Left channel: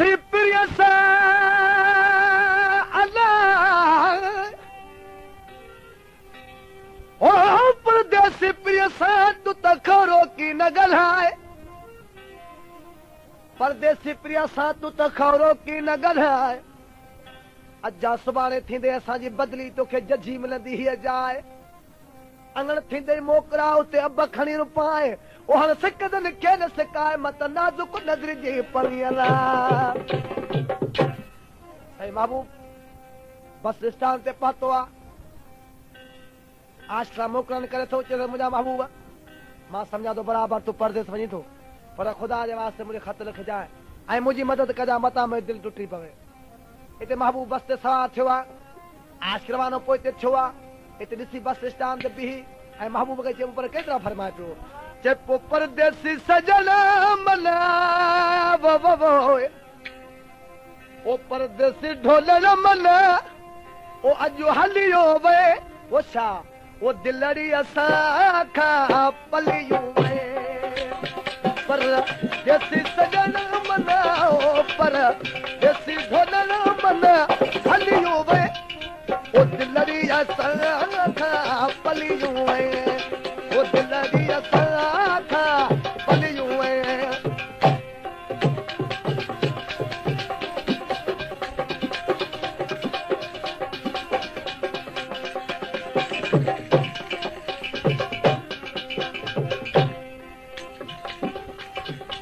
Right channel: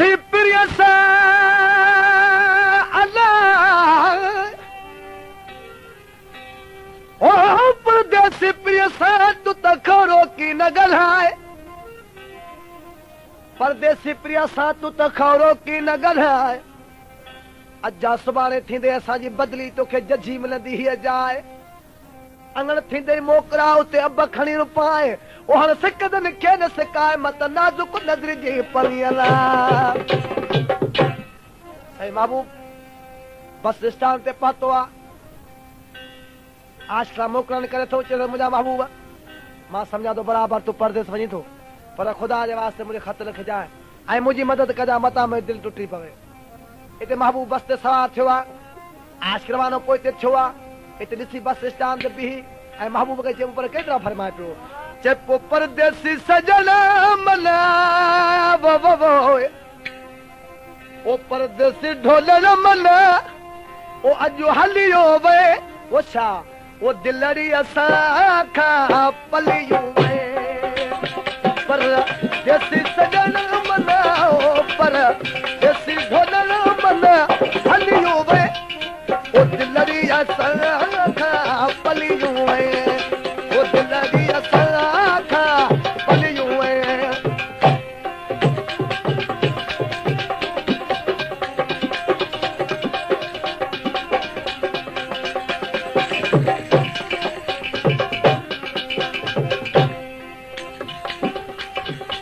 प्रिय सा अल्लाह ओ परदेसी प्रिय सा तू तखरो की न ॻाल्हाए परदेसी प्रिय सा तू तखरो की न ॻाल्हाए अजा सुभाणे थींदे असांजी बदली तोखे जजी मिलंदी हीअ जाए अंगण थींदे मोकरा उते अब खणी रुपाए ओ हर सिकदन खे न सिकाए मत नाज़ुक नज़र जी पलियला सही महबूब बस स्टैंड ते पहुतो आ आशरा मोकलण करे थो चए मुंहिंजा महबूब मां सम्झां थो बराबरि तूं परदेस वञी थो पर ख़ुदा जे वास्ते मुंहिंजे ख़त न खिजाए ऐं मुंहिंजी मदद कजां मतां मुंहिंजी दिलि टुटी पवे हिते महबूब बस ते सवार थियो आहे आशिक रवानो पोइ हिते थियो आहे हिते ॾिसी बस स्टैंड ते बीही ऐं महबूब खे चयो पर केतिरा फरमाए पियो चए पोइ परदेसी सजण मना वो वो वो ओ परदेसी ढोलण मना ओ अॼु हलियो वे वो छा वो दिलड़ी असां खां पलियूं वे परदेसी सजण मना ओ परदेसी ढोलण मना हलियो वे ओ दिलड़ी असां खां पलियूं वे ओ दिलड़ी असां खां पलियूं वे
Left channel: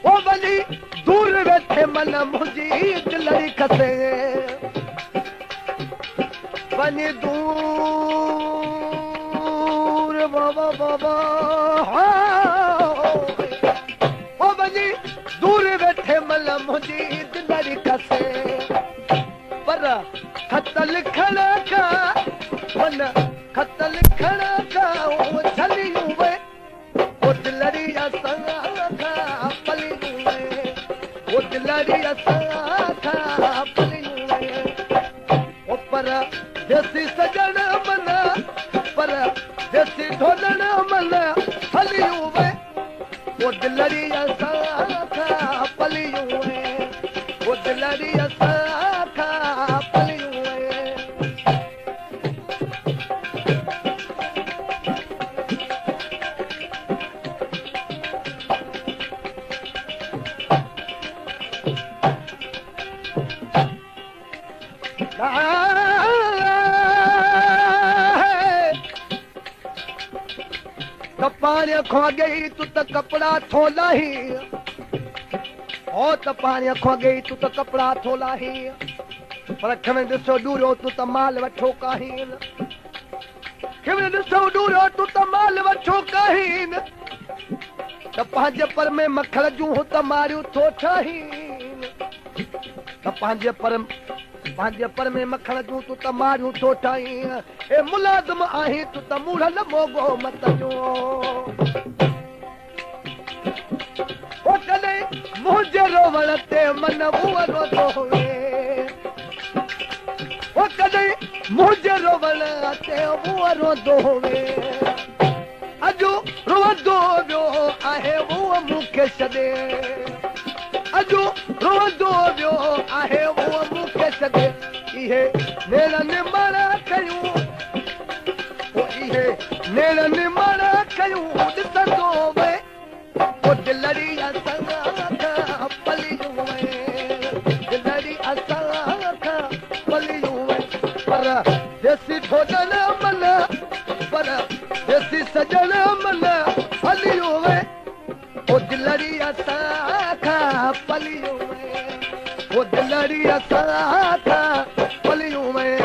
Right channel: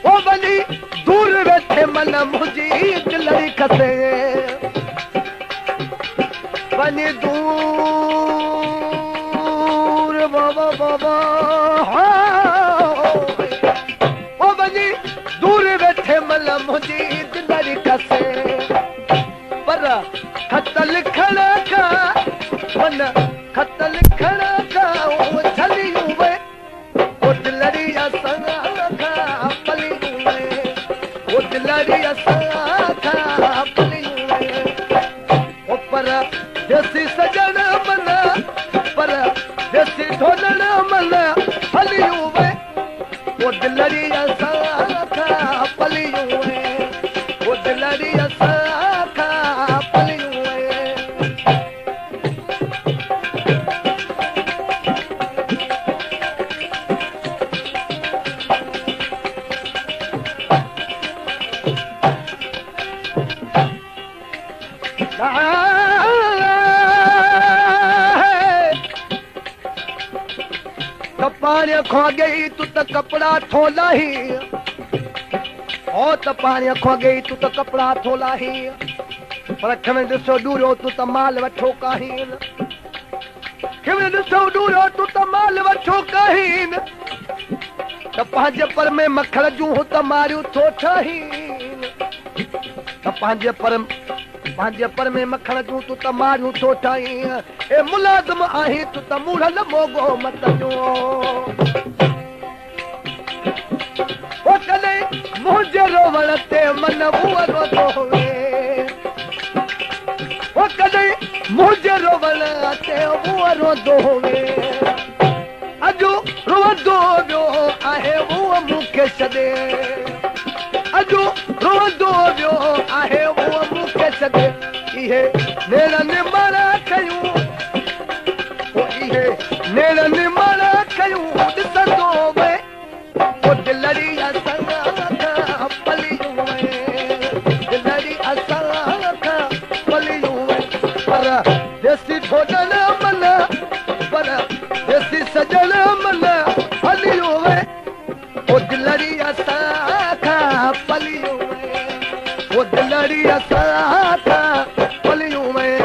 ओ वञी दूर वेठे मन मुंहिंजी दिलड़ी खसे वञी दूर बाबा बाबा ओ वञी दूर वेठे मन मुंहिंजी दिलड़ी खसे पर खत लिखण खां मन खत लिखण खां ओ झलियूं वे ओ दिलड़ी असां खां पलियूं वे ओ दिलड़ी असां खां पलियूं वे ओ पर देसी सजण मन पर देसी ढोलण मन हलियूं वे ओ दिलड़ी असां खां पलियूं वे ओ दिलड़ी असां खां पलियूं वे पानी खो गई तू तो कपड़ा थोला ही ओ तो पानी खो गई तू तो कपड़ा थोला ही पर खमे दिसो दूरो तू तो माल वठो काहीन खमे दिसो दूरो तू तो माल वठो काहीन तो पंहिंजे पर में मखण जूं त मारियूं थो ठाहीन तो पंहिंजे पर में मखण जूं तू त मारियूं थो ठाहीन ए मुलाज़िम आहीं तू त मुड़ल मोगो मत जो ओ कॾहिं मुंहिंजे रोवण ते मन बुअरो थो वे ओ कॾहिं मुंहिंजे रोवण ते बुअरो थो वे अॼु रोअंदो वियो आहे उहो मूंखे छॾे अॼु रोअंदो वियो आहे उहो मूंखे छॾे इहे नेरनि मारा कयूं ओ इहे नेरनि मारा कयूं ॾिसंदो वे ओ दिलड़ी असां खां पलियूं वे दिलड़ी असां खां पलियूं वे पर देसी ढोलण मन पर देसी सजण मन हलियूं वे ओ दिलड़ी असां खां पलियूं वे ओ दिलड़ी असां खां पलियूं वे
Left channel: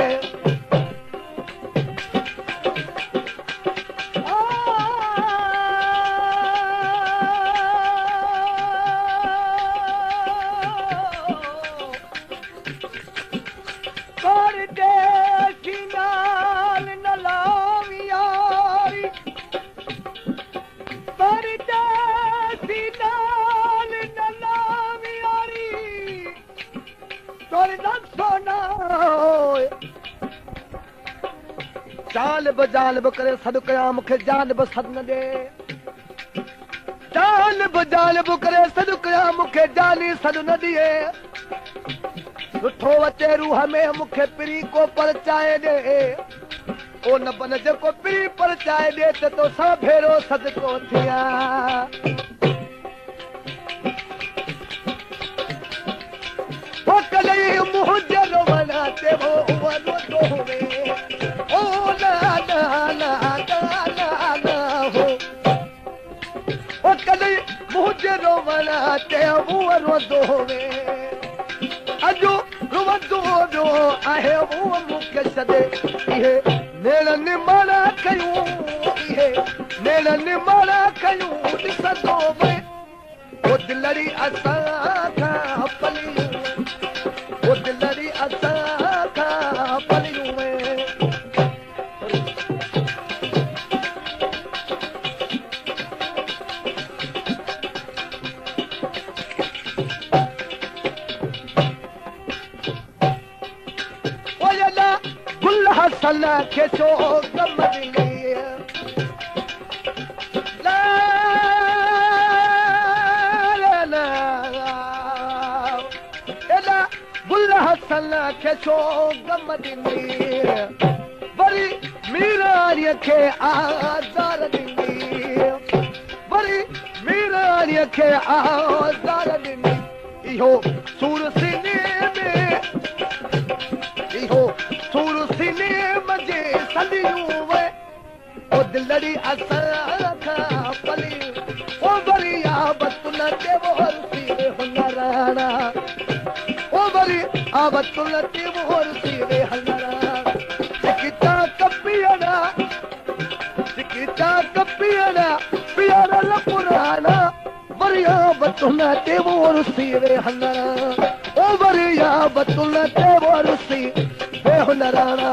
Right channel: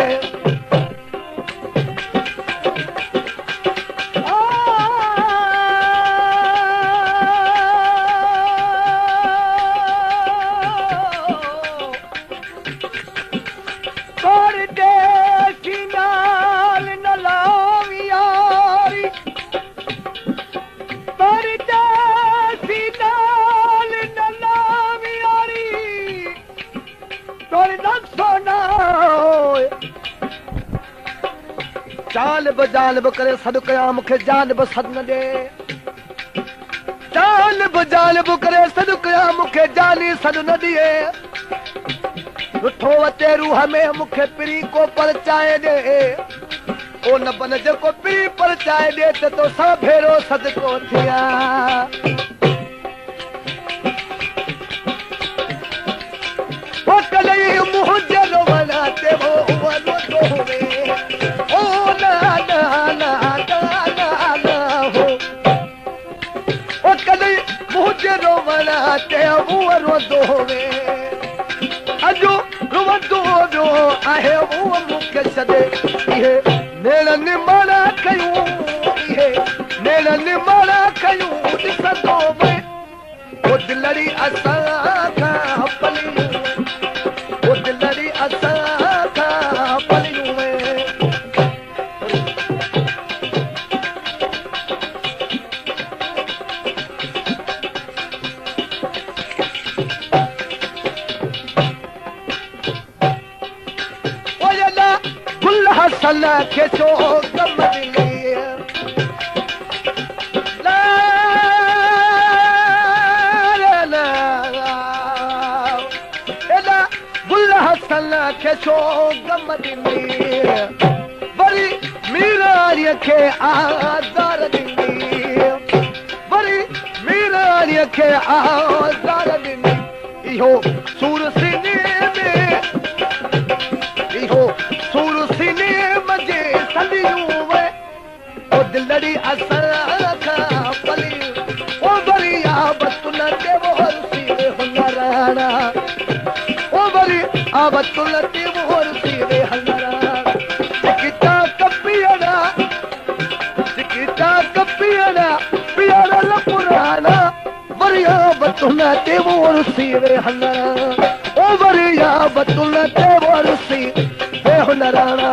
जानब करे सॾु कयां मूंखे जानब सॾु न ॾे जानब करे सॾु कयां मूंखे जानी सॾु न ॾिए सुठो अचे रूह में मूंखे पिरी को परचाए ॾे ओ न बन जेको पिरी परचाए ॾे त तोसां भेरो सदको थिया ओ कलई मुंहुं जे रोवण ते वो वनो दोवे ओ ना ना ना ना ना हो ओ कलई मुंहुं जे रोवण ते वो वनो दोवे अजो रुवंदो जो आहे वो मूंखे छॾे इहे नेलनि माना कयूं इहे नेलनि माना कयूं ॾिसंदो वे ओ दिलड़ी असां खां पलियूं ओ दिलड़ी असां खां पलियूं वे हसन के छो गम दिली ला ला एला गुल हसन के छो गम दिली वरी मीरारीअ खे आज़ार ॾिनी वरी मीरारीअ खे आज़ार ॾिनी इहो सूर सीने में इहो सूर सीने मजे सलियूं वे ओ दिलड़ी असां खां पलियूं ओ वरिया बतुल ते वरसी वे हुनराणा ओ वरी आ बतुल ते वरसी वे हुनराणा चिकिता कपियड़ा पियड़ा लपुराणा वरिया बतुल ते वरसी वे हुनराणा ओ वरिया बतुल ते वरसी वे हुनराणा